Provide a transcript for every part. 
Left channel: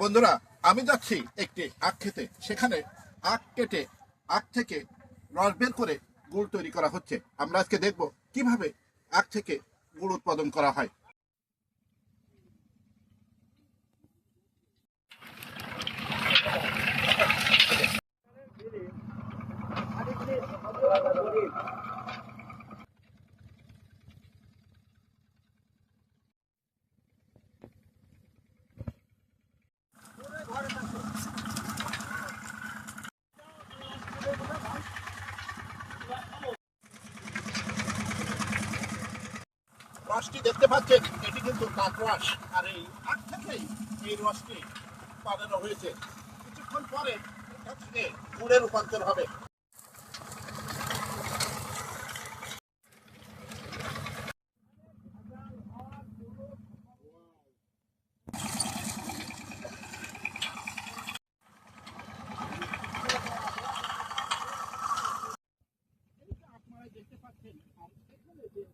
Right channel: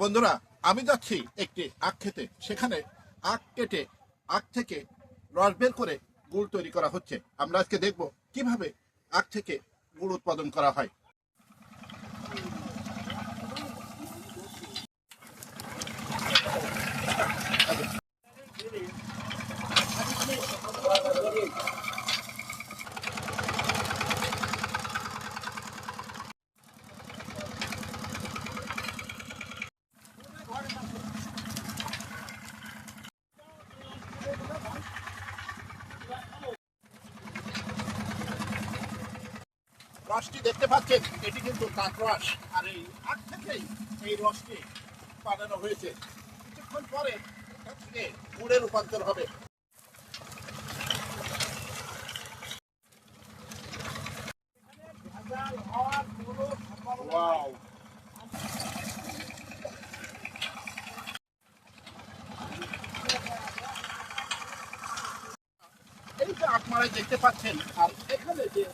বন্ধুরা, আমি যাচ্ছি একটি আখ খেতে। সেখানে আখ কেটে আখ থেকে রস বের করে গুড় তৈরি করা হচ্ছে। আমরা আজকে দেখব কিভাবে আখ থেকে গুড় উৎপাদন করা হয়। রসটি দেখতে পাচ্ছেন, এটি কিন্তু কাঠ রস, আর এই আখ থেকেই এই রসটি বানানো হয়েছে। কিছুক্ষণ পরে এটা থেকে গুড়ে রূপান্তর হবে। Wow! এই যে আপনারাই দেখতে পাচ্ছেন, আর এখানে যে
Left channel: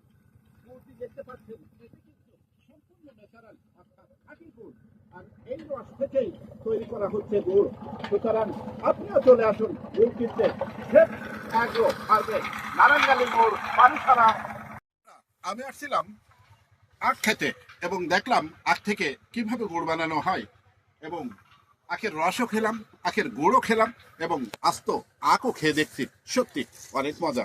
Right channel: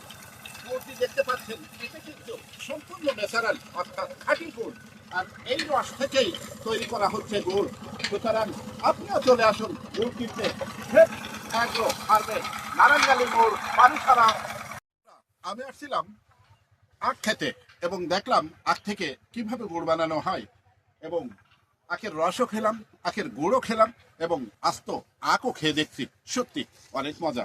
গুড়টি দেখতে পাচ্ছেন, এটা কিন্তু সম্পূর্ণ ন্যাচারাল, অর্থাৎ খাঁটি গুড়। আর এই রস থেকেই তৈরি করা হচ্ছে গুড়। সুতরাং আপনিও চলে আসুন গুড় কিনতে। অ্যাগ্রো হারভেস্ট, নারায়ণগঞ্জ মোড়, পানিসারা। আমি আসছিলাম আখ খেতে এবং দেখলাম আখ থেকে কিভাবে গুড় বানানো হয়, এবং আখের রসও খেলাম, আখের গুড়ও খেলাম, এবং আস্ত আখও খেয়ে দেখছি। সত্যি অনেক মজা।